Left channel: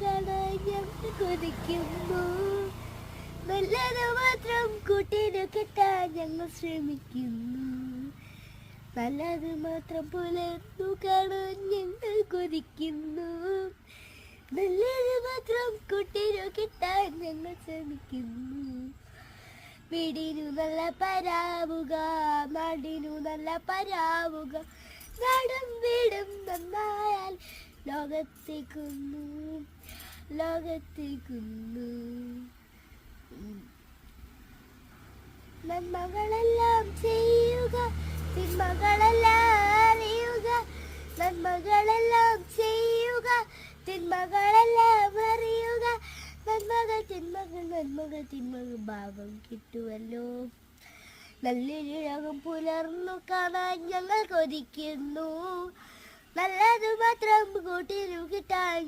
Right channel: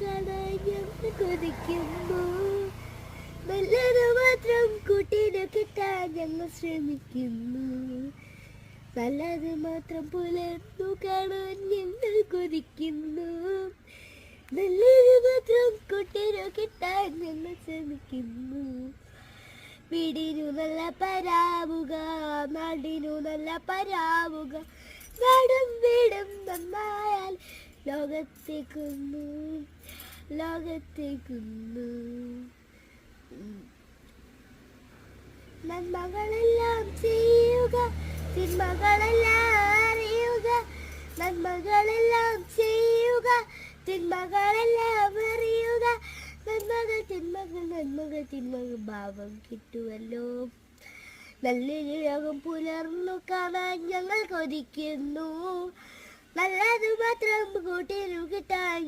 കാണാൻ ഞങ്ങൾ കൊതിക്കുന്നു. നല്ലത് മാത്രം കൂട്ടിന് കിട്ടാൻ ഞങ്ങൾ ശ്രമിക്കുന്നു. നല്ലത് മാത്രം പുലർന്നു കാണാൻ ഞങ്ങൾ കൊതിക്കുന്നു. നല്ലത് മാത്രം കൂട്ടിന് കിട്ടാൻ ഞങ്ങൾ ശ്രമിക്കുന്നു. വീടിനു നല്ല പരാവുക, നാടിനു നല്ല പരാവുക. നാടും വീടും നന്നായാൽ ലോകത്തേക്കുന്നു, ലോകത്തേക്കുന്നു. നന്മകളെല്ലാം ചെയ്യുക, തിന്മകളെല്ലാം അറിയുക. നന്മകളെല്ലാം ചെയ്യുക, തിന്മകളെല്ലാം അറിയുക. നന്മകൾ തിന്മകൾ നന്മകൾ തിന്മകൾ ഭാവം കിട്ടുമല്ലോ. നല്ലൊരു ലോകം പുലർന്നു കാണാൻ ഞങ്ങൾ കൊതിക്കുന്നു. നല്ലത് മാത്രം കൂട്ടിനു കിട്ടാൻ